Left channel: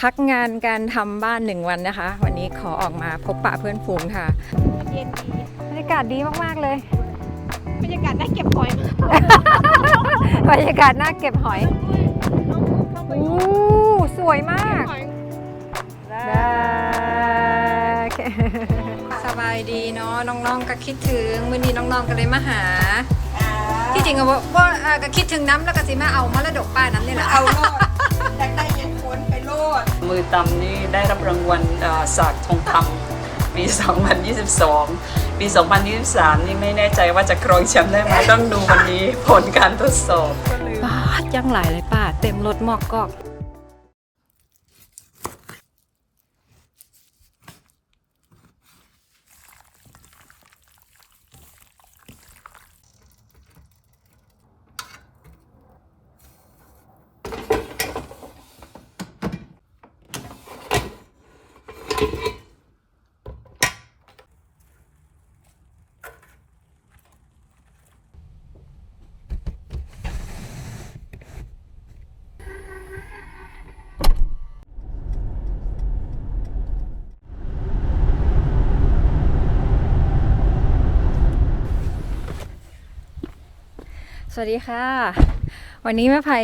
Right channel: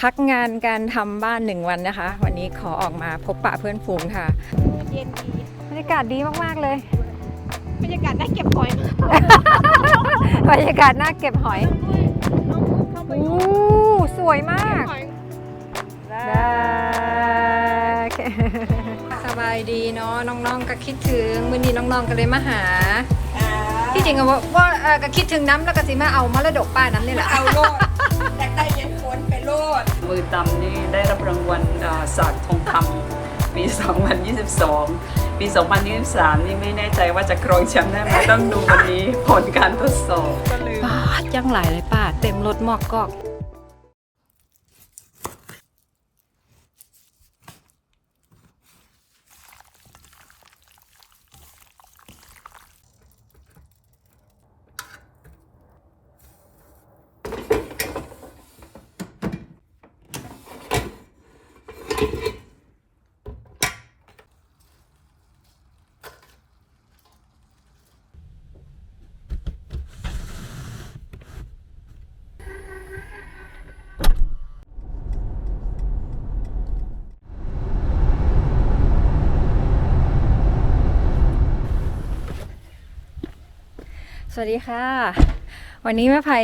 พักงานการทำบ้านหนึ่งวันนะคะ วันนี้ขอออกมาพบปะเพื่อนฝูงค่ะ เย็นดีบรรยากาศดีมากๆเลย บรรยากาศน่าเก็บหอยมากบรรยากาศน่าเก็บหอยเข้าไปอู้สวยมากหอยสบายดีเนาะน้องๆก็คิดถึงมื้อนี้น้องๆก็เลยมาหาที่จริงอะว่าว่าเอ่อก็คิดถึงน้ำแล้วก็สิมาเอามรดกป้าน้ำนี่แหละเอาโลด อยากได้ยังควรไปโลด มือตำนี่ได้รับรางวัลเอ่อศาสตร์ทองคำปี 2022 ปี 2023 นี่ไม่แน่ใจว่าจะครองแชมป์ได้ไหมต้องดูวันนี้ผลการทดสอบป้าดยังหลายเลยป้า เต็มรถหมอกกอก สวัสดีค่ะ วันนี้แม่ไผ่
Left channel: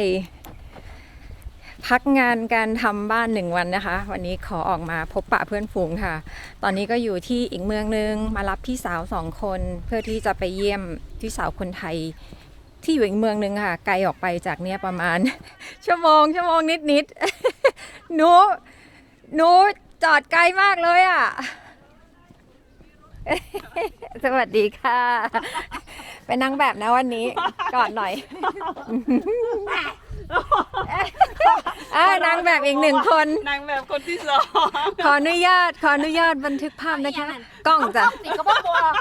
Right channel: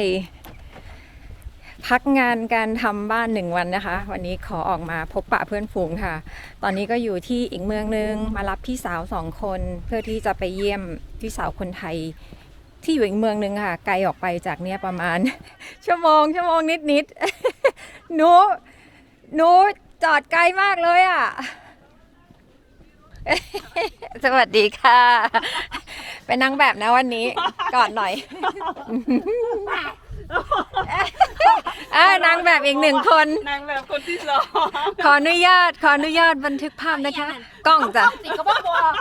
พักงานการทำบ้านหนึ่งวันนะคะ วันนี้ขอออกมาพบปะเพื่อนฝูงค่ะ ตอนนี้ก็อยู่ที่อีกเมืองนึงมารับพี่สาวสองคน เพื่อที่จะไปเยี่ยมพี่สาวคนไทย ที่อยู่อีกเมืองนึงค่ะ ไกลออกไปจากเนี้ยประมาณ ชั่วโมงชั่วโมงนิดนิดหนูหนูจอดไกลมากเลยอะ สวัสดีค่ะ เป็นนางแบบนะวันนี้ก่อนหน่อยอ่านางแบบอีกหนึ่งคน นางแบบคนที่สองขออนุญาต ขออนุญาตบันทึกภาพนะคะ กล้องจ้ะติก็บอกบอก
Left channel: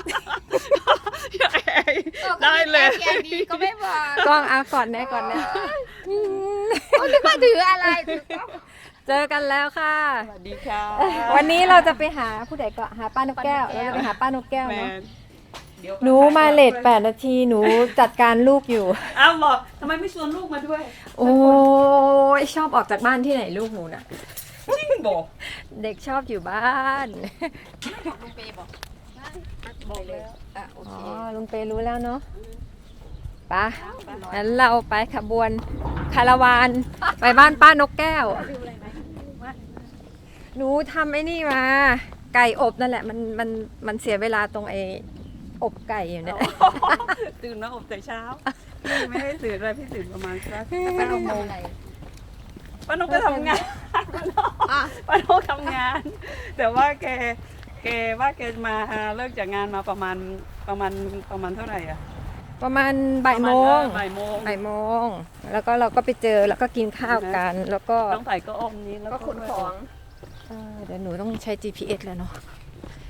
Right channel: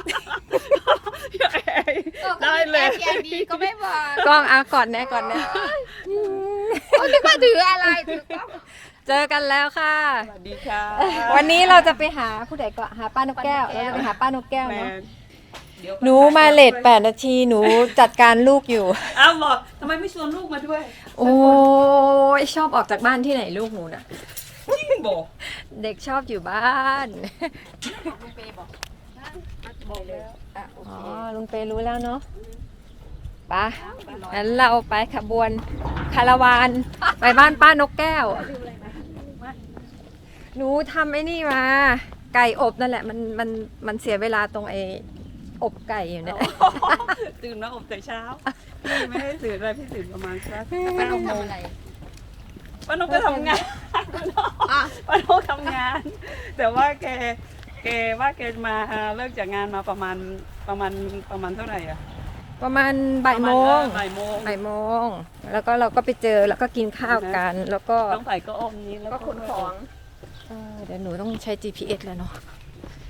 เออก็มีแอร์แกนดีก็ไม่บอก กล้องเอาก่อนนะก่อนนะเขาคิดว่าถืออะไรถือกล้อง เจอกันแล้วค่ะ สวัสดีค่ะวันนี้เราจะไปหาผู้ใดก็หาป้านกแก้วเราจะไปหาป้านกแก้วแมเนาะนเดี๋ยวหนูมาเลทแปดนาทีหนูจัดการลูกอยู่ อ้าวบอกทำไมไม่ชวนลูกมาด้วยโอ้ยชอบออกจากบ้านที่ไหนลูกหนูน่ะ บอกเด็กชอบอยู่บ้านอ๋อลุงเปรู้แล้วเนาะไปะงั้นเราไปขบวนคาราวาน ไปบ้านป้านกแก้ว หนูทำไอ้นี่มา ไก่อบนั่นแหละ มันมันมันเสียเวลาตรงไอ้อบไก่อยู่เนี่ย ตื่นมาอบแต่เช้าพี่ไม่ได้ตื่นอะไรพี่ตื่นประมาณสักเก้าโมงป้านกก็ทำงานป้านกทำงาน แต่ว่าแกแกว่าแกมาเลิกจากงานมาประมาณประมาณประมาณเท่าไหร่อะประมาณบ่ายโมงประาณบ่ายโมงบ่ายโมง แล้วก็เราก็ไปเจอแล้วก็กินข้าวกัน แล้วก็น้องไผ่ก็อมนี้แล้วก็ขนของเออเดี๋ยวหนูต้องใช้ GPS แล้วเนาะ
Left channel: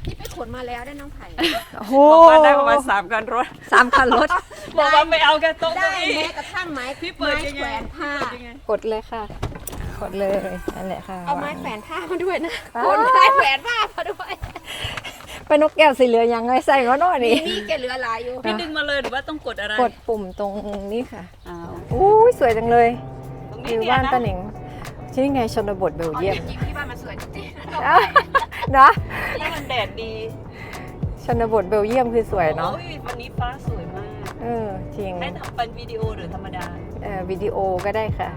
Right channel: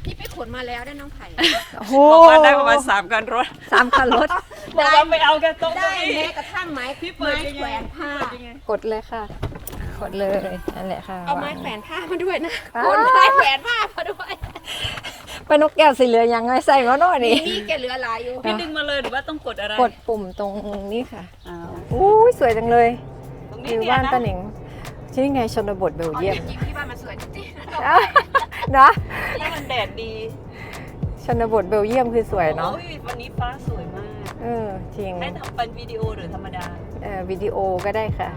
ที่ไปขนมาแล้วได้น้องไผ่โอ้โหบอกว่าได้ประมาณสามกันรถสามคันรถ บอกว่าไม่เอาแค่โต๊ะได้เก้าอี้ แม้กระทั่งไม้พี่เปิไม้ดยังแขไงวนผ้ากดเลยค่ะ กดเลยนั่นแหละค่ะเอาไม้แขวนผ้ามาด้วยนะขนไม้แขวนผ้ามาด้วยเป็นนกแก้วสีเหลืองยังไงใส่ก็โน่นมีนี่ มีแกเหลือหลายอยู่พี่ดึงมาเลยหรือว่าต้องกดอะไรกดปุ่มตรงนี้ค่ะ อ้าวอู้ยสวยจังเลยตรงอนี้ยู่เนี่ยบ้านนะป้าหนิงที่นี่ไงชนบทเบลอ๋อเยียมจริงๆที่บ้านมันสวยจริงๆนะเอ้าเนาะนี่มันแดดดีชนบทเบลเยียมคือสวยเนาะโอ้ยวันนี้ฟ้าสวยมาก เออ จริงให้ทำเป็นวิดีโอหรือธรรมดา เอ่อวิดีโอก็ได้ค่ะ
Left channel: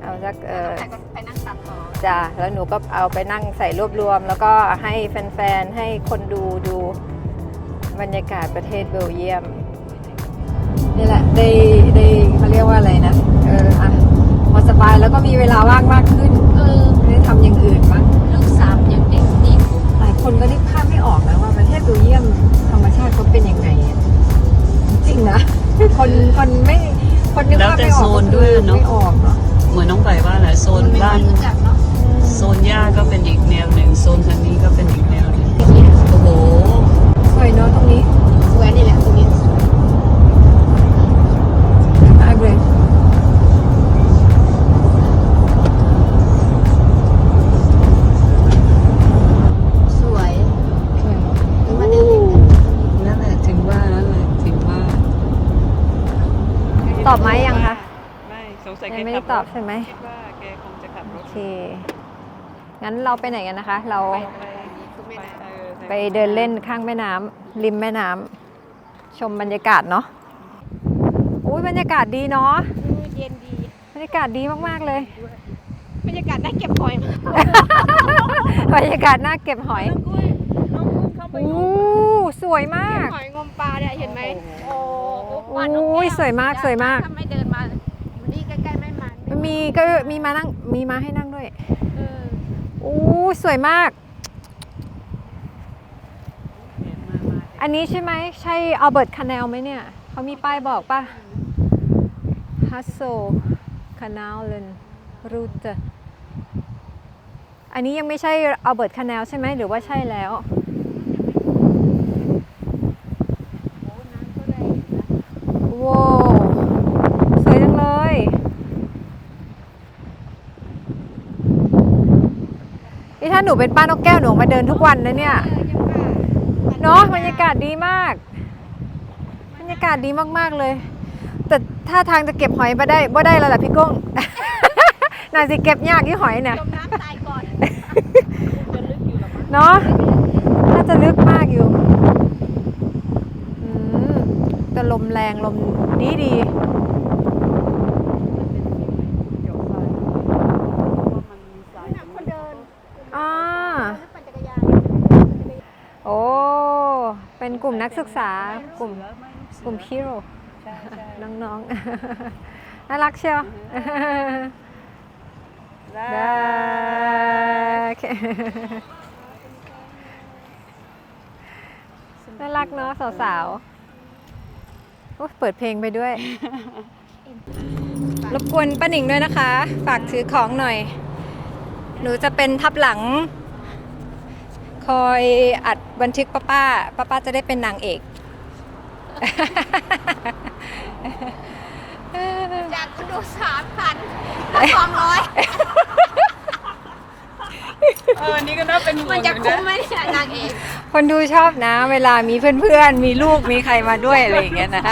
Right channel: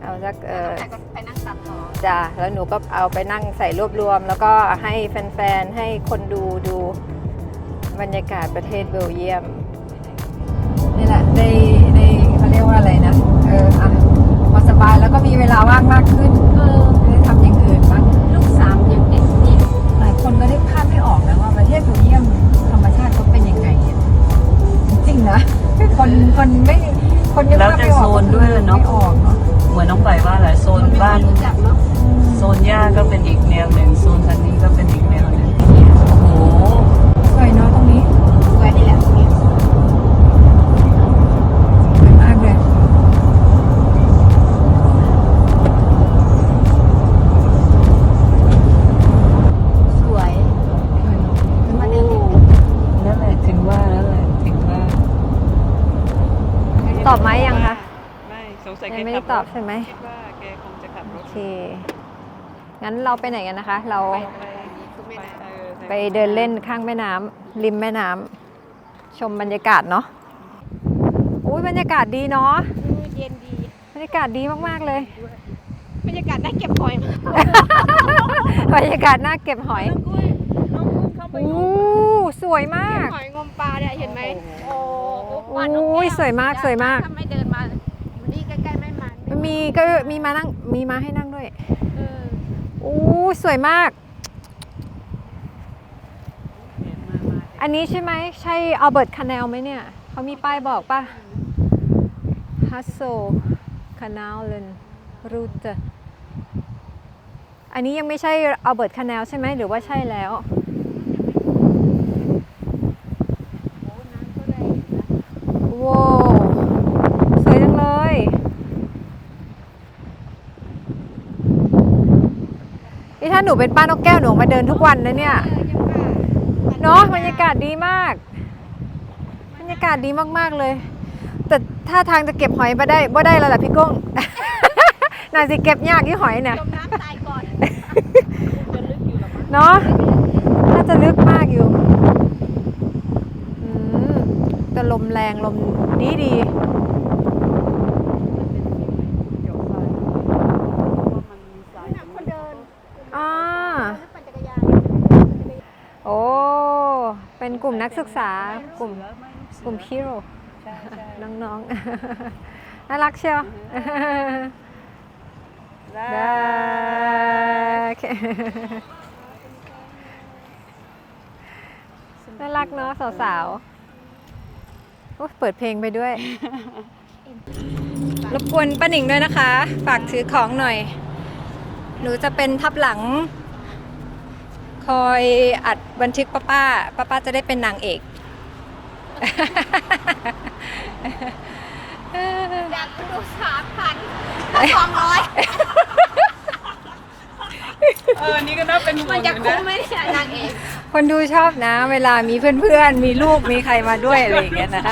เอาสักเออแต่ก็ไปนั่งตัดต่อจ้าแล้วหนูก็เอาไปนั่งใส่รวบรวม แล้วก็ให้แฟนๆ ให้คนดูดูบรรยากาศประเทศเบลเยียมนี่แหละไอบไหมยังคะ ไม่สงสัยแกยังไม่ได้ขัตอบรถใช่ไหมคิดว่าแกคงจะขับรถงั้นเราไปไหนกันนะคะ เราไปไปคือแม่น้เออไปเดินเล่นข้างแม่น้ำริมแม่น้ำชมบรรยากาศเนาะอุ้ยบรรยากาศดีเนาะำเย็นดีบรรยากาศดีมาก ๆ เลย บรรยากาศน่าเก็บหอยมากบรรยากาศน่าเก็บหอยกุ้ยน้ องกุ้งเข้าไปอู้สวยมาเก็บกหอยงมปลาเนี่ยเห็นไหมโอ้อุ้ยสวยมากสวยมากถ้าไม่เดินมาวันนี้ใกล้ๆไม่มาไม่มีก็มีมานั่งมีมาให้นั่งด้วยเอออู้สวยมาก อันนี้ใช่ไหมใช่อัลเบิร์ตคา n นลไหมเนี่ยเขามีป้ายบอกป่ะฮัสโซคา n นลเลนรูตอันนี้ยังไม่ใช่อัลเบิร์ตคา n นลใช่ไหมหรือว่าใช่แล้ว โอ้น้ำก็แรงอยู่นะ ว้าวสวยจังเลย นี่ ถ้าหนูเป็นป้านกแก้วหนูมาเดินทุกวันนะเนี่ยเออยังว่าเนาะบรรยากาศดีมาก บรรยากาศดีมากๆเลย แต่ถ้าทางจะเก็บหอยมาได้บ่ได้แล้วล่ะพี่กุ้งน่าสิเก็บยากที่หอยเนี่ยจมน้ำตายก่อนจะลึกอยู่หรอมั้งเนาะน่าจะลึกมากอยู่อืมแต่ลมแรงลมดีดี เกี่ยวทรายเพราะว่ามันมีทราย หนักคนเดิน อ่า หรือปั่นจักรยาน โอ้ เป็นกลุ่ มนักศึกษากลุ่มแล้วไม่ลูกเสือกลุ่มฮีโร่ใช่ใช่น้องๆ น่ารักเชียวได้ได้โอเคน่ารักเนาะสาวๆโอ้ยเปิดเพลงไปด้วย รบกวนป้าหนิงด้วยนะคะ ฝากถือของหน่อย หนูจะเป็นทับหลัง คอยอัดบันทึกป้าป้าป้าป้าจะได้เป็นนางเอกจากดูสามพันสองร้อยเออ นี่ก็น่าเป็นห่วมันงอจะยู่คุ้นะมไหมเนี่ยนางเอกคนดูชอบนะ เวลามีเพื่อนๆ มีลูก มีใครมาด้วยอะไรอย่างเงี้ยนะ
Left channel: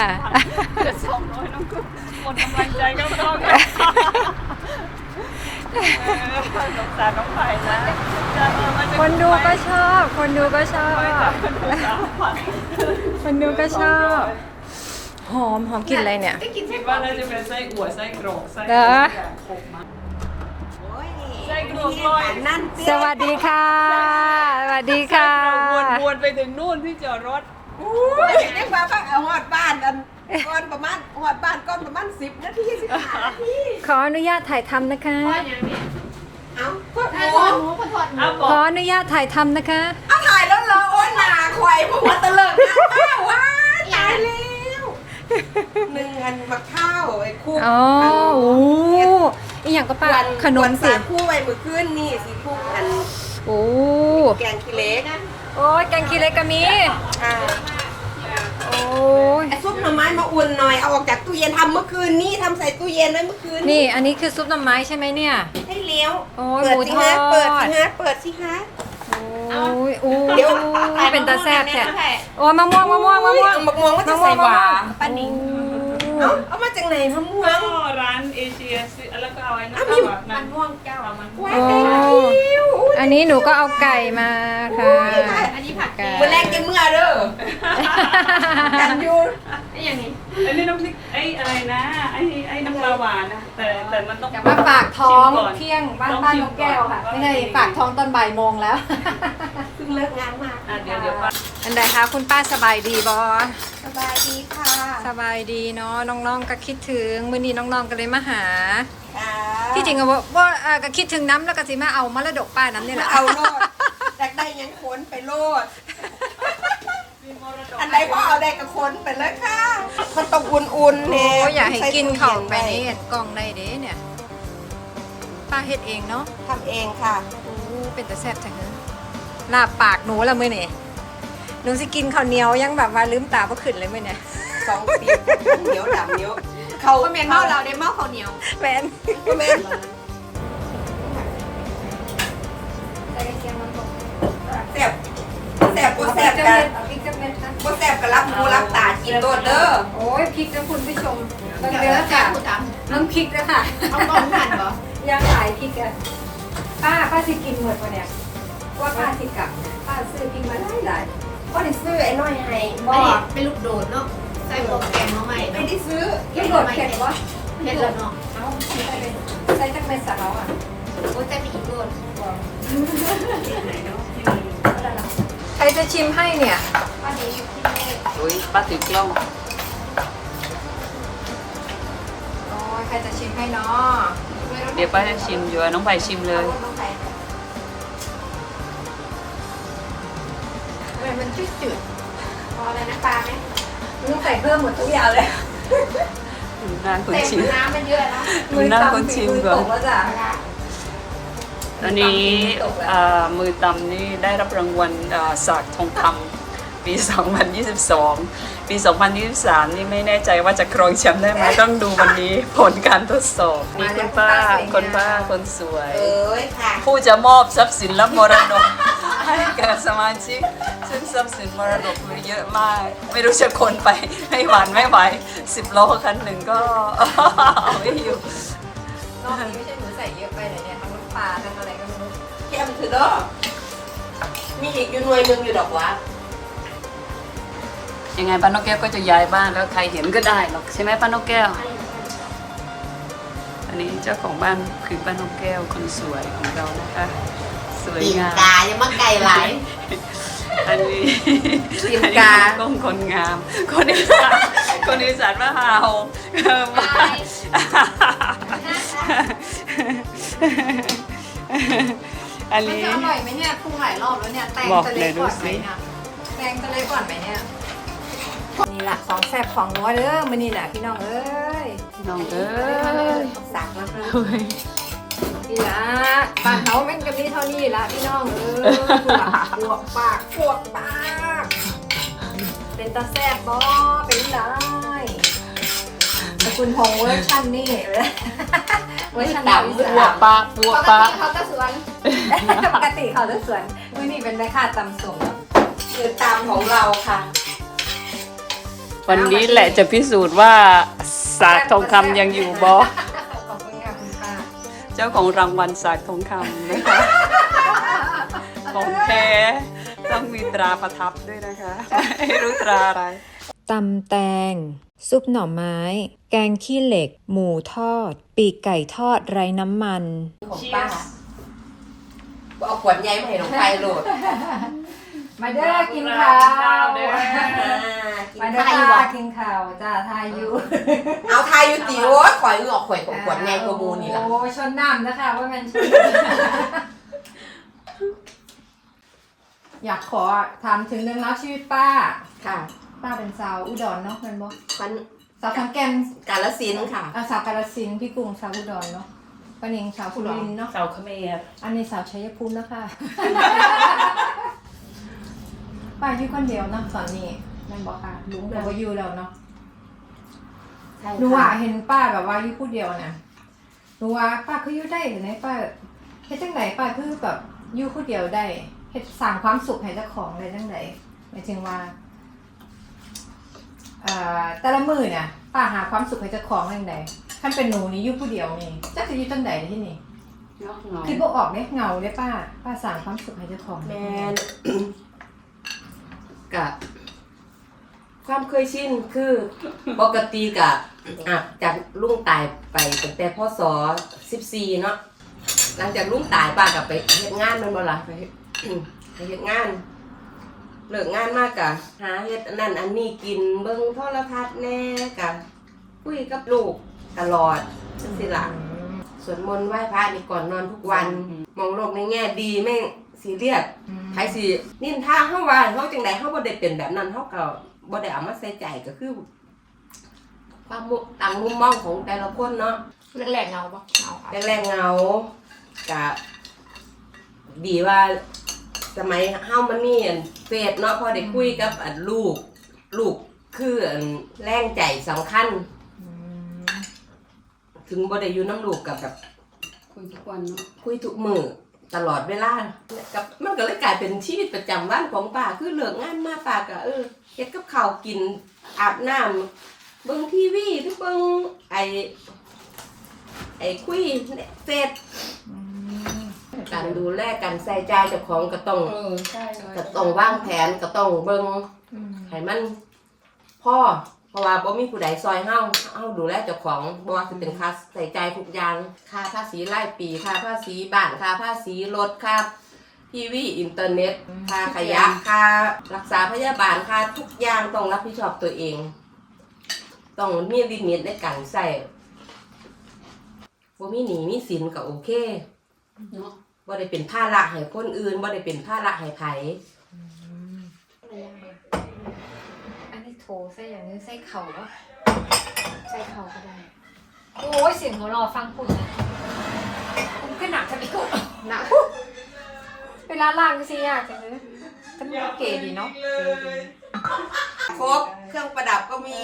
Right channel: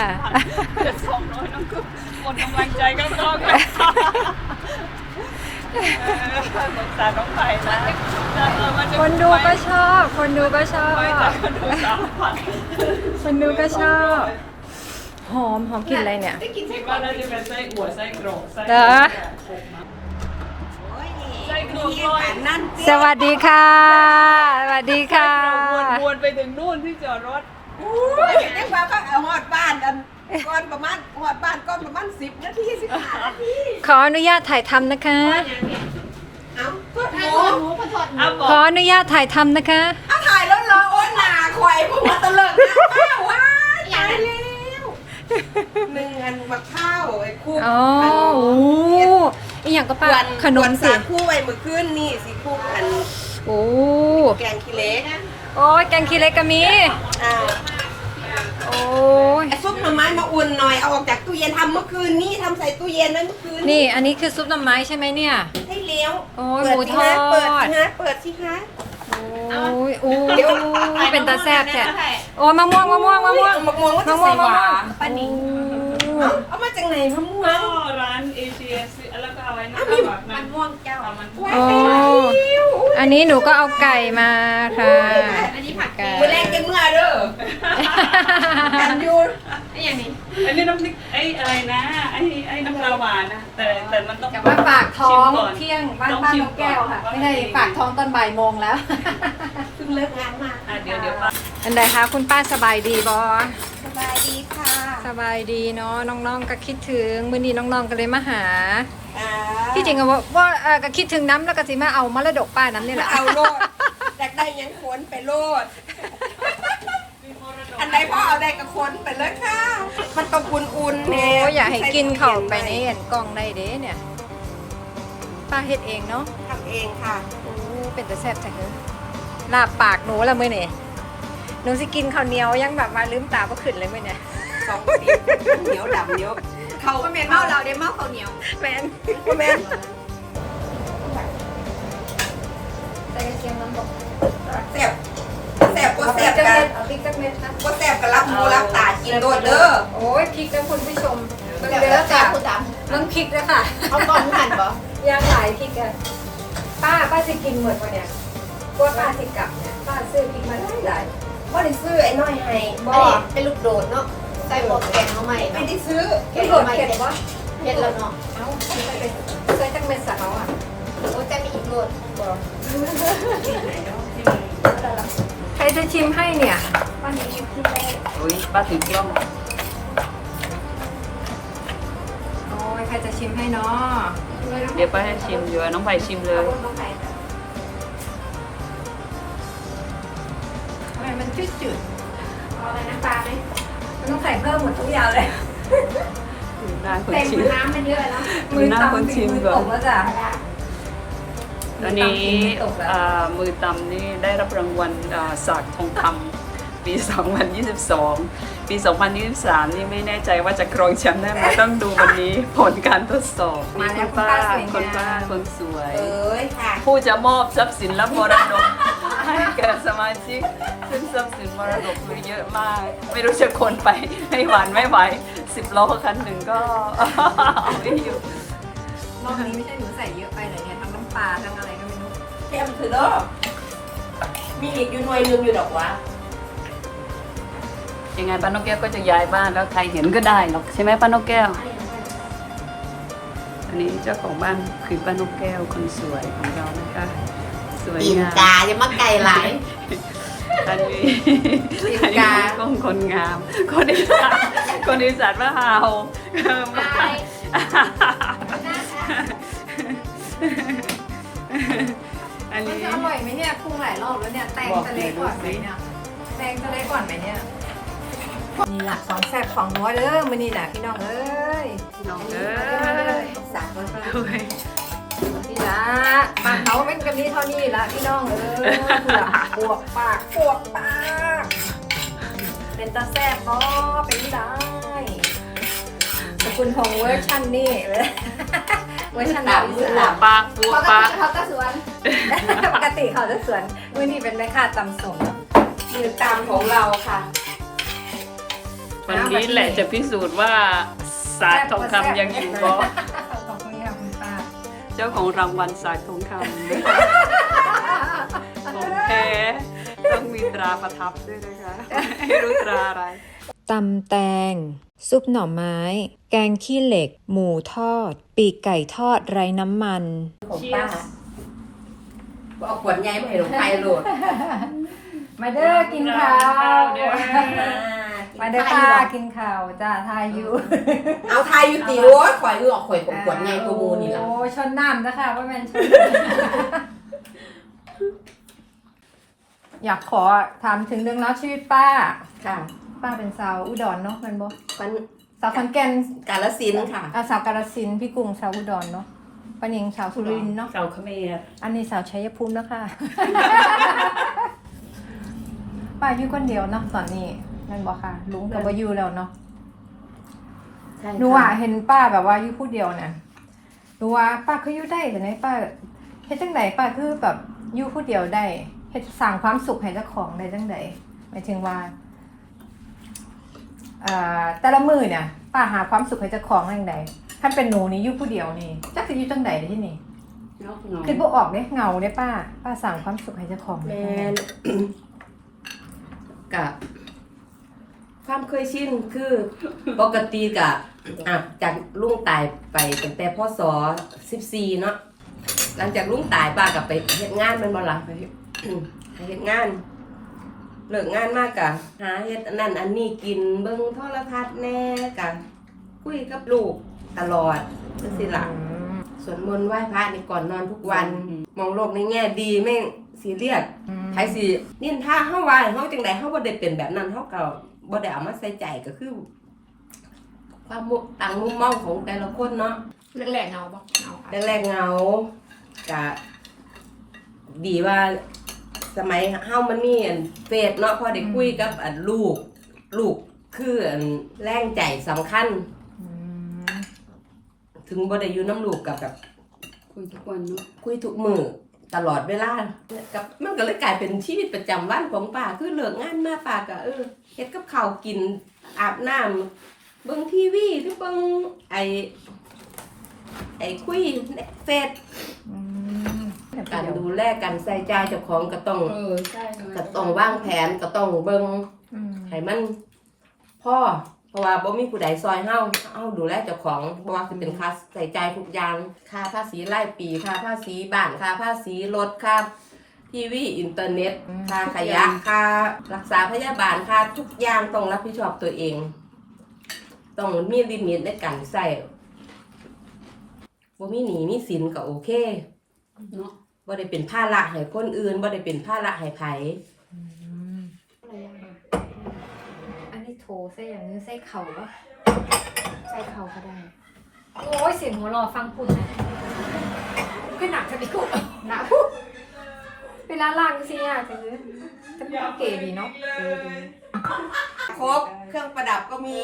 สองร้อยน้องกุ้งหมดกำลังใจก็ต้องแล้วเออ สงสารน้องใหม่นะเออมันจะคนดูก็ชอบ คนดูก็ชอบ คนดูก็ชอบ หอมหอมกลินอะไรเนี่ยคิดว่าน่าจะเป็นไส้อั่วไส้กรอกไส้เหรอไส้กรอกลอยนั่นสวัสดีค่ะ สวัสดีค่ะ วนๆไปถึงนู่นที่จอดรถเรียกว่าพักเอาหอดบ้านอัน ก่อนประมาณหอดบ้านก่อนประมาณสิบนาทีสิบห้านาทีขออนุญาตถ่ายทำนะคะ เอาเพื่อนหทอดมูหมูพอทอดหมูเอาบอขอกอนุญาตถ่ายทำนะคะ เอาถ่ายแล้วเหรอโอ้ยหนาควายพวกมันตะเลิดหน้าป้าว้ายตายแล้วหนึ่งอันมะข้าวไอ้คู่อ๋อโอ้อีหยังก็ป้าขนมสิคู่ไว้มือขึ้นนี่สิคู่อันโอ้แกงขี้เหล็กโอ้ยแกงขี้เหล็กก็มีอ่า โอ้ย ไอ้ซุปหน่อไม้มาอุ่นหน่อยเอาออกจากตู้เย็นทำเมื่อคืนนี้ทำใส่ตู้เย็นนั้นเมื่อคืนนี่อันนี้คือซุปหน่อไม้ใช่ไหมเนี่ย ได้เลี้ยวโอ้ยเปิหมูทอดเปิดสิฮะเปิดสิฮะโอ้ยโอ้ยเป็นตาแซ่บแท้โอ้ยมะม่วงมะม่วงมะม่วงมะม่วงมะม่วงมะม่วงอันนี้โอ้เอาเอามาจากไหนมะม่วก็งร้านเอเชียซื้อแล้วก็เอาไอ้นั่นแบบมันม่วงแก้วมันม่วงโอ้อันนี้หนูก็เอาไก่มาค่ะ อันนี้ผัดไก่มือแรกจะเมื่อเด้อ กันอยูนี่ อย่างนี้อันนี้น้ำพริกไอ้อะไรนะไอ้ไอ้น้ำปลาหวานนะแต่แต่มันต้องมาปากท้องชิมก่นเที่ยงบ้านบ้านนกแก้วค่ะ ไม่ใช่ปากท้องตอนบ่ายโมงแล้ว เพิ่งเลิกงานมาอะเดี๋ยวเดี๋ยวป้า อันใดคะคุณป้าสบายดีบอสบายดีค่ะสบายดีเนาะน้องๆก็คิดถึงมื้อนี้น้องๆก็เลยมาหา อ่าที่จริงอะว่าว่าเอ่อก็คิดถึงน้ำแล้วก็สิมาเอามรดกป้าน้ำนี่แหละเอาโลดอยากได้หยังคนไปโลด อันใดพ่อเอาได้กับคนไปเลยค่ะมันต้องอุ่นๆโอ้เนี่ยอยากให้กินเข่าวไปในเห็นกล่องได้เด้เนี่ยป้าเฮ็ดเองเนาะทำเองค่ะโอ้เป็นแต่แซ่บจังเลยลาบปากหนูละมื้อนี่หนูสิกินข้าวเหนียวยังแบบว่าลืมตาบ่ขึ้นเลยมื้อเนี่ยสองสีเหนียวดำเหนียวเขาก็แม่นเมาเราได้เมาข้าวเหนียวแฟนแม่ รับตากินโลดเด้อโอ้ยพริกนะคุณผู้ชมเดี๋ยวจะจ่ายผู้จน้องพริกด้วยค่ะำเอาก่อนผ่านเหรอย่างหลายพริกอะสิกินหมดปะเนี่ยว่าป้าสิกลับป้าซื้อกินมาได้หลายว่าได้ซื้อไอ้น้อยให้อันนี้เป็นลูกโดดเนาะใส่หมวกแกงมาใหม่ไม่ได้ซื้อเห็นโดดเข็มวะเม็ดแล้วเนาะเอาใส่ตั้งเป็นสาวอะโอ้จะมีอีกโดดใครจะชิมให้เนี่ยวันนี้ อยู่ที่ไหนอุ้ยป้าถือกล้อง โอ้ยใครจะชิมให้เนาะเดี๋ยวป้าจะชิมอยู่น้องไผ่ชิมเลยทำไมมันจืดจืดพออะไรน้ำปลาไหมๆมันต้องใส่เพิ่มหมดทุกอย่างเลยนานคนแต่งชิมน้ำมันเยอะแล้วดูหน้าคนชิมก่อนมืตบแล้วจ้ะตอนนี้อ่ามือตำนี่ได้รับรางวัลอ่าสากทองคำ ปี 2022 ปี 2023 นี่ไม่แน่ใจว่าจะครองแชมป์ได้ไหมต้องดูวันนี้ผลการทดสอบนี่คุณป้าคนป้าคนสวย เอ้ยค่ะ ผู้จะมอบทรัพย์สินและมรดกให้แก่สมาชิก ซึ่งทรัพย์สินมรดกมีเยอะมาก ไม่รู้จะคนไปให้หวานไม่ไหวสิบล้อคันหนึ่งก็เอาไม่อยู่รอบนี้ไม่ใช่หนูใส่เยอะไปเลยเนี่ยทั้งน้ำปลาทั้งอะไรก็ไม่รู้แก้มถือเด้อมีอีกอยู่หน่วยหนึงอยู่ดอกวะ ยังไงป้านกแก้วก็จะย้ายบ้านแล้วใครเห็นก็ได้หรอกใช่ไหมป้านกแก้ว อันนี้เจ้าของบ้านคือป้านกแก้วคนสวยของเรานะคะ สวยตีนงามกายังมาไก่หลาย อันนี้ตีนอันนี้กาคนกล้องคนงาม คนอีสานคนอีสานว่าฮาวเออบ้านอันมันนี้ จะอร่อยไหมเนี่ยปรุงหลายรอบแล้วเนี่ยแตงบอกจะเลเล็ยกดูก่อนไหมสิ เนี่ยแตงจะเล็กก่อนไหมเนี่ย นี่หลักของแซ่บของนัวเด้อมื้อนี้แหละพี่น้องเอ้ยน้องเอ้มาเลยยสักมาเลยนี่ละบ้านเขาเป็นกับนี้เท่านี้ละพี่น้องเอ้ยเผื่อปวกปากปวกปากเป็นตาแซ่บบ่เป็นได้สกุลทองเวอร์ชันนี่เวอร์ชันดาวอีบัวสานปลาบัวปลาเขาก็สวนปกติเขาจะสวนมื่อนี้เป็นแม่ค้าตำสูงคือตามของเราค่ะ วันนี้แหละจะพิสูจน์ว่าสากทองคำยังอยู่บ่ขอบคุณค่ะคุณป้าเจ้าของรางวัลสากทองคำนะคะของแท้ต้องมีตราประทับด้วยนะคะไม่รู้ตราอะไรตำแตง ซุปหน่อไม้ แกงขี้เหล็ก หมูทอด ปีกไก่ทอดไร้น้ำมัน ของป้าเอาขวดใหญ่มาให้ลงไปโหลด มาเด้อกินข้าวเด้อมาเด้อค่ะกินข้าวจ้าทายอยู่เอาทายอยู่ตีโอ้ยข่อยเอือกข่อยของขวดใหญ่กว่าหมูนี่ล่ะโอ้ชนน้ำนะคะว่าแมนชนอยากขอถามถึงเรื่องราวชีวิตป้า ค่ะ ป้าเป็นสาวอุดรเนาะแมันบอกมันสาวขอนแก่นกาลสินธุ์ค่ะอาสาวกาฬสินธุ์พี่กรุงสาวอุดรเนาะป้านิงสาวสุรินทร์เนาะเสาเขมรอันนี้สาวชัยภูมิเนาะค่ะ ป้าอยู่คนเดียวเนาะตอนนี้แมันบอกค่ะลุงก็บ่อยู่แล้วเนาะใช่หนูค่ะอะเห็นป้าแบบว่าอยู่ผู้เดียวเนี่ยหนูว่าป้าคืออยู่ได้แต่ไหนป้าเฮ็ดจังไดป้าคือแบบอยู่ผู้เดียวได้เฮ็ดสร้างความสุขให้เจ้าของได้จังไดหมายถึงว่าอ่าแต่ละมื้อเนี่ยป้าหาความสุขให้เจ้าของได้จังไดคันเป็นหนูนี่อยู่ผู้เดียวนี่จักสิอยู่จังไดที่นี่นอกเงาคือบ่ออกเด้เหงาเด้ป้า ป้าสร้างความสุขให้เจ้าของแมน กะ ความเคยชินคือปกติกะอะจากลุงตายไปตั้งแต่พศ14เนาะหลังจากลุงตายป้ากับไปเฮ็ดงานแมันบ่ล่ะไปไปเฮ็ดงานเลิกงานมากกะหาเฮ็ดอันนั้นอันนี้กินเบิ่งโทรทัศน์แน่กะคุยกับลูกตลอดจังซี่ล่ะอืมสวดมนต์ไหว้พระนี่ก่อนนอนทุกวัน มองโลกในแง่ดีแม่ง ซีเรียสอืมไผสินินท่าเฮาว่าเฮาจังไดเฮาบ่ได้เป็นแบบนั้นเฮาก็บ่ได้เอามาใส่ใจก็คือ ความมุต่างมุมมองของแต่ละคนเนาะแหลกเงาปะเงาค่ะแรกๆเหงากะดีว่า สมัยเฮามันมีอันเฟซเนาะพอได้คุยกับอันลูก ลูกคืออันแรงใจสำคัญ อืมถึงบ่ได้อยู่น้ำลูกกับแบบคุยทุกวันเนาะคุยทุกมือ ตลอดเวลากับมันก็เลยกลายเป็นชีวิตประจำวันของป้าคือเลิกงานมาป้าก็เออเฮ็ดกับข้าวกินอาบน้ำเบิ่งทีวีหรือเบิ่งไอไอคุยเฟซอืมการดูแลการใส่ใจเจ้าของก็ต้องเออใช่ก็ต้องวางแผนก็ต้องเบิ่งอืมให้มันพ่อเพ ราะว่าบ่มีผู้ใดซอยเฮาเฮาดูแลเจ้าของบ่ว่าสิเป็นค่าใส่ใจายทุกอย่างค่าภาษีรายปีค่าภาษีบ้านค่าภาษีรถค่าทีวีอินเทอร์เน็ตค่าขยะค่ารักษาพยาบาลค่าทุกอย่างต้องรับผิดชอบตัวเอง ต้องมีลิมิตในการใส่บ่มีหนี้มีสินก็โอเค เนาะบ่ได้เป็นภาระให้คนอื่นบ่ได้เป็นภาระให้ไผอันนี้ โถใส่อย่างนี้ใส่เข่าปะใส่เข่าก็ได้ โอ้ยเสียงหัวเราะฟังคุณนะขึ้นหนักจะไปกูหนักเวลาล่างก็สิยากจังเลยแต่มันเก๋ดีเนาะเก๋ดีครบเครื่องประดับก็มี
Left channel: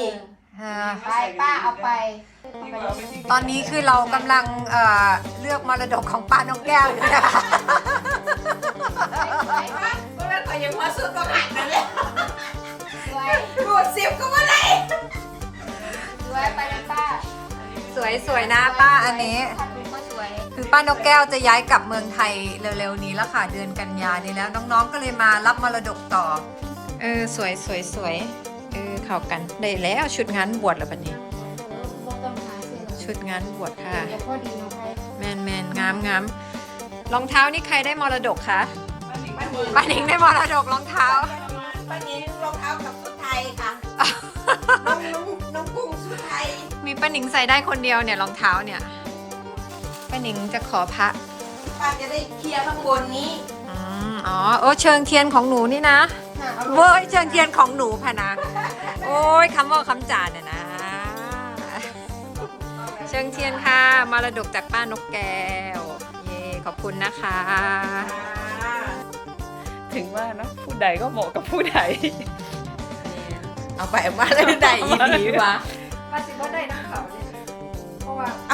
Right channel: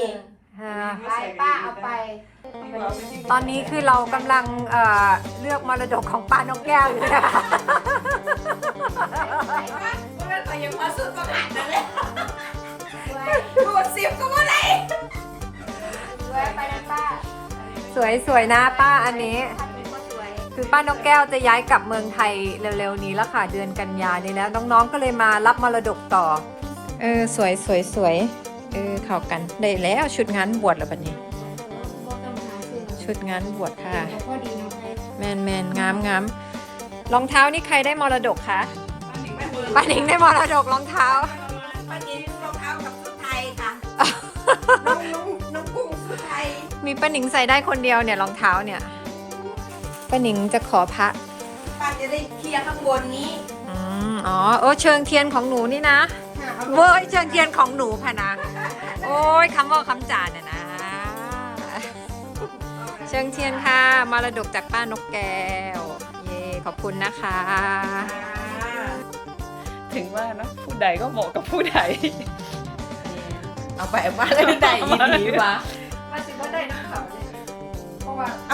ไปป้าเอาไป ตอนนี้คือเรากำลังเอ่อเลือกมรดกของป้านกแก้วอยู่นะคะ วยสวยนะป้าอันนี้ คือป้านกแก้วจะย้ายกลับเมืองไทยเร็วๆนี้แล้วค่ะเดือนกันยานี้แล้วน้องๆก็เลยมารับมรดกต่อ เออสวยสวยสวยเออเข้ากันได้แล้วชุดงานบวชแล้วบัดนี้ ชุดงานบวชค่ะ แมนแมนงามงามรองเท้านี่ใครได้มรดกคะป้าหนิงได้มรดกรองเท้าปันนี้รองเท้ากับชุดไทยค่ะ มีป้าหนิงใส่ได้คนเดียวเนี่ยรองเท้าเนี่ยป้าหนิงจะขอพระป้าจะได้เคลียร์ข้างบนนี้อืมอ๋อโอ้เชิงเทียนของหนูนี่นะเว้ยเชิงเทียนของหนูพะนะ โอ้ยคำว่าคำจานน่ะนะ เชิงเทียนค่ะมรดกจากป้านกแก้วเย่ขอบคุณนะคะ ถึงว่าเนอะผู้ใดก็เหมาะกับผู้ใด เอาไปเอามาได้ได้อีกดีวะมาสิว่าได้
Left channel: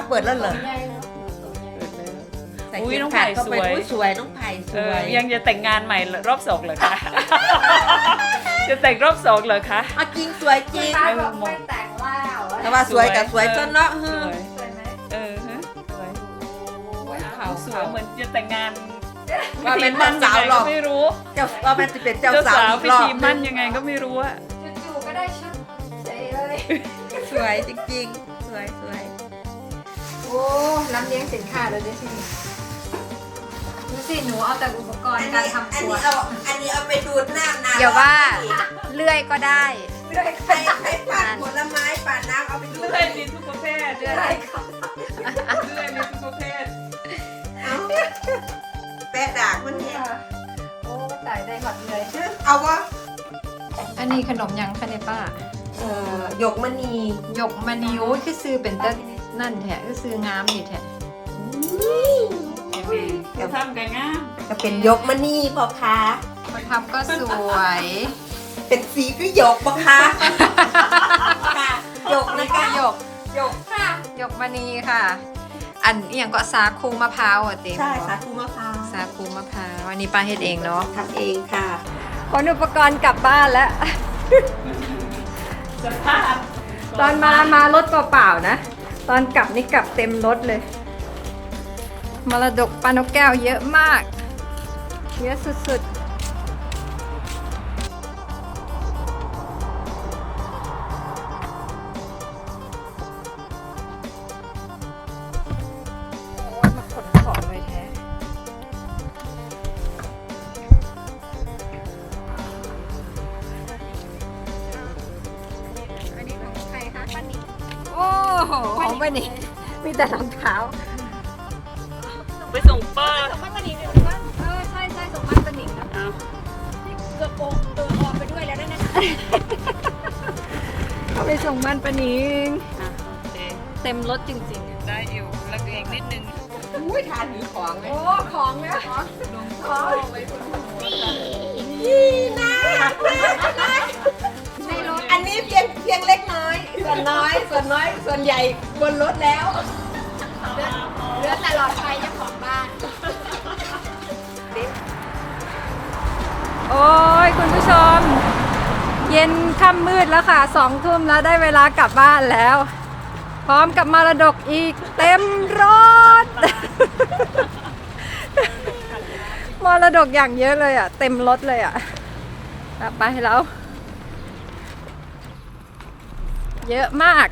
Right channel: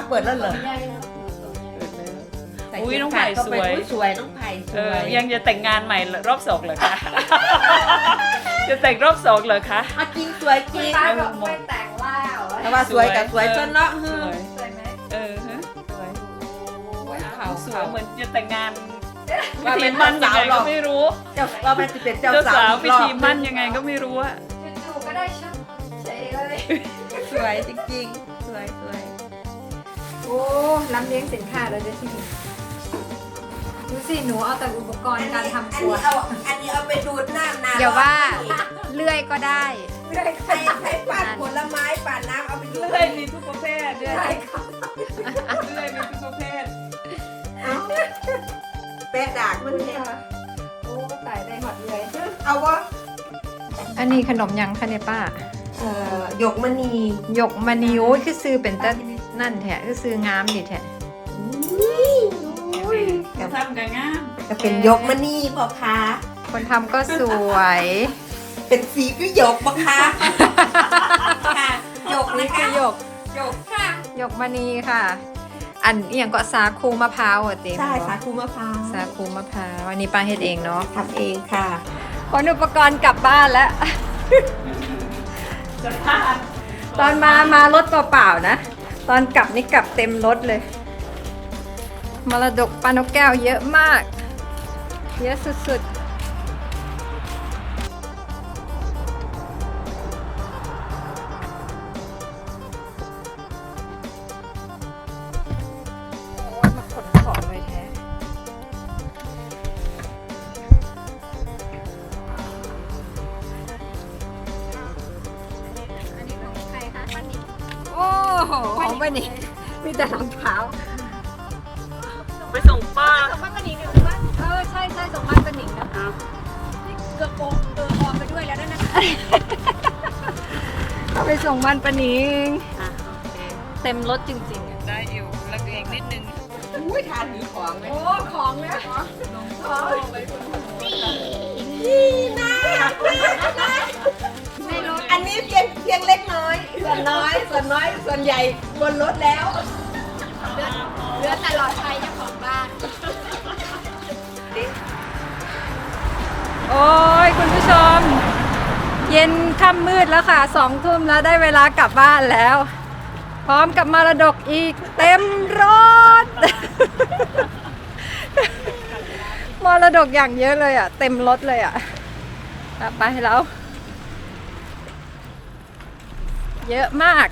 เปิดแล้วเหรออุ้ยน้องไผ่สวย สวยน้องไผ่สเอวอยยังจะแต่งงานใหม่รอบสองเหรอคะ จะแต่งรอบสองเหรอคะมาจริงสวยจริงป้าบอกไม่แต่งแล้วแต่ว่าสวยแต่สวยจนเนาะสวย สวยไหมเออฮะสวยโอ้ยขาวสวยเหมือนจะแต่งงานพิธีมั่นยังไงก็ไม่รู้ เจ้าเราเป็นเป็นเจ้าเจ้าสาสาววพิธีมั่นยังไงก็ไม่รู้อะจู่ๆก็ได้ชุดใส่เลย สวยจริงๆสวยสวย โอ้ล้ำเลี้ยงสินค้าเลยด้วยที่นี่ดูสิหนูเอาแต่อุปกรณ์การทำครัว อันนี้เอาอันนี้เอาไปดูดน้ำน้ำอย่าว่าเลื่อยก็ได้เลื่อยก็ให้ได้ให้ปาดผลไม้ปาดน้ำเอาไปดูดได้มีทุกประเภทเลื่อยได้มีทุกประเภทแปะดากมันเนี่ยโอ้ตายได้หมดเลยเอาวะอันนี้ขนมยังคะเนี่ยป้าเอ่อหยกมณีหยกมณีโอ้ยคือซื้อเป็นต้น นั่นแท้คือซื้องามดีแท้จะทำกันง่ามจะเป็นหยกมณีพอคะคนทำก็สวย เป็นสีก็หยกปะคะค่ะหยกเลนี่ยคืค่ะอหยกหยกค่ะหยกมณีค่ะ อันอหย่างก็สาคูมะพร้าวอะเต็มใช่ค่ะคูมะพร้าวสาคูมะพร้าวอันนี้ป้าเฮ็ดเองเนาะทำเองค่ะขนอุปกรณ์กลับบ้านแล้วสภาพตอนมา มารถเปล่าๆนะ ตอนกลับนี่กลับเต็มรถเลย มรดกปานกแก้วเยอะมาก เยอะสุดๆ แต่รองเท้าไปส่งป้าส่งบ้านป้าหนิงเลยว่าเออใช่ใช่ส่งบ้านป้าหนิงนะเกือบโกงเกือบออกไปด้วยแล้วนั่นนะไปส่งบ้านป้าหนิงเต็มรถจริงๆอะได้อยู่แล้วเองนิดนึงอุ้ยทานหนีของเลยโอ้ของนะอันนี้เพียงเพียงเล็กน้อย ส่วนน้อยส่วนน้อยส่วนใหญ่บนรถแล้ว เหลือแต่หลอดไฟเจ้าของบ้าน โอ้ยคุณผู้ชม เย็นค่ำมืดแล้วค่ะสองทุ่มแล้วได้เวลากลับบ้านแล้ว พร้อมกับมรดกอีกเต็มรถ มรดกอย่างเยอะเลยอะ เต็มรถเลยอะอะไปแล้ว เยอะมาก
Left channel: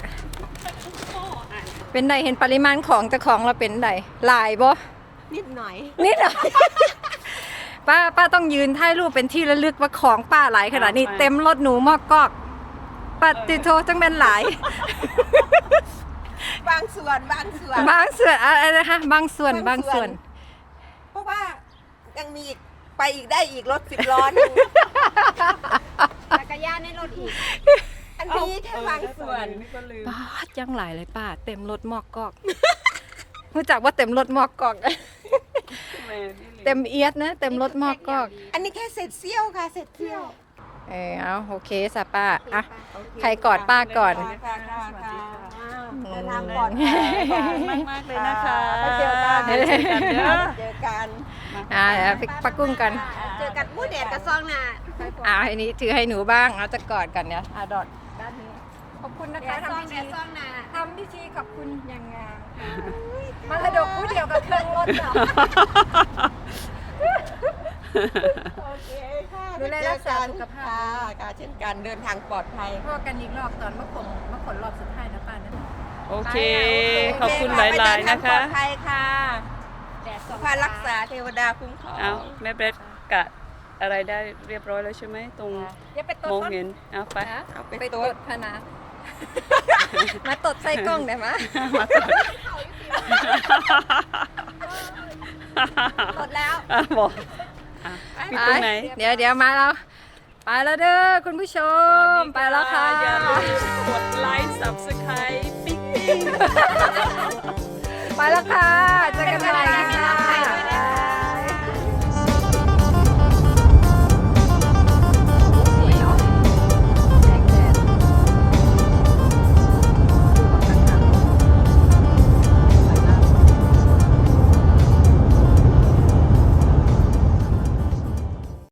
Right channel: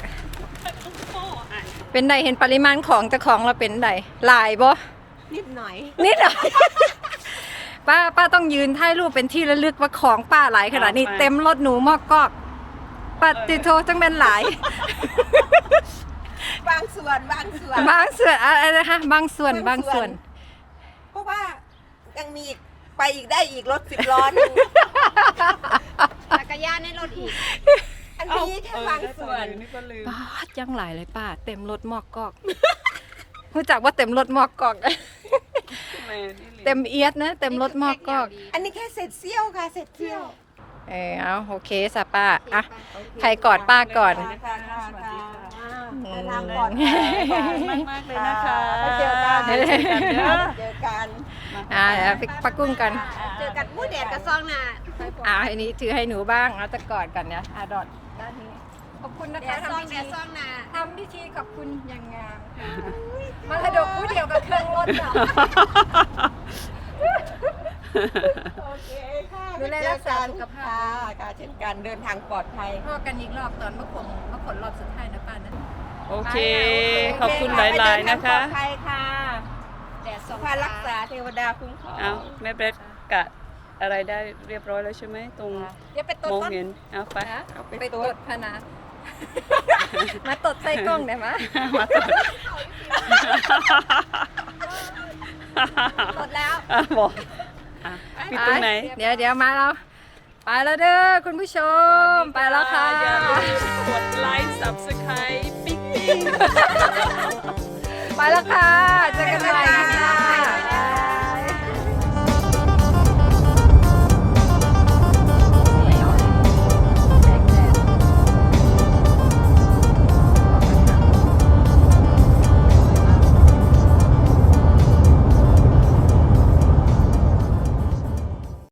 เป็นไดเห็นปริมาณของเจ้าของเราเป็นไดหลายบ่นิดหน่อย นิดหน่อย ป้าป้าต้องยืนถ่ายรูปเป็นที่ระลึกว่าของป้าหลายขนาดนี้เต็มรถหนูมอกกอกปฏิโทจังเป็นหลาย บางส่วนบางส่วนบางส่วนอะไรนะคะบางส่วนบางส่วน เพราะว่ายังมีอีกไปอีกได้อีกรถสิบล้อหนึงจักรยานในรถอีก อันนี้แค่บางส่วนป้าดยังหลายเลยป้าเต็มรถมอกกอกรู้จักว่าเต็มรถมอกกอก เต็มเอียดนะ เต็มรถมอกกอก อันนี้แค่เสร็จเซี่ยวค่ะเสร็จเซี่ยวเออเอาโอเคสะป้าอะใครกอดป้าก่อนค่ะค่ะค่ะเดินทางปปลลออดดภัภัยยมากมากๆเลยนะคะไปเจอกันเดี๋ยวเจอกันเด้อ เจอกันอ่าเดี๋ยวไปปักกุ้งกันเจอกันมู่ แดดกับซองน่ะอ่าอันนี้ถือให้หนูบ้างเราจะกอดกันเนี่ยอ่าดอดด้านนี้ขอบคุณนะคะทำพิธีซองน่ะทำพิธีขอบคุณอย่างงามมรดกผู้เดียวกับเครื่องรถเนาะโอเคค่ะดูแลรักษาสุขภาพค่ะค่ะเช่นกันเดินทางปลอดภัยพ่อกันอีกรอบตอนมะขงมะขนรอบสุดท้ายนะป้านะโอเค ขอบคุณหลาย ๆ นะคะปลอดภัยค่ะสุภารักษาเทวดาคุ้มครองเอาแม่เบรดกะ อะไรได้เรียบร้อยแล้วใช่ไหมตรงเดี๋ยวไปตมดองก่อนเห็นเอาไปนะไปตดพะนะมาตดใส่กล้องได้ไหมมาต่อตดแล้วอะบอกอะปิดตรงไหน เดี๋ยวเดี๋ยวมาแล้วไปแล้วเด้อคุณผู้ชม ไปแล้วค่ะ อย่าลืมกดไลค์ subscribe ปิ๊งปิ๊ง ไปแล้วค่ะเจอกันใหม่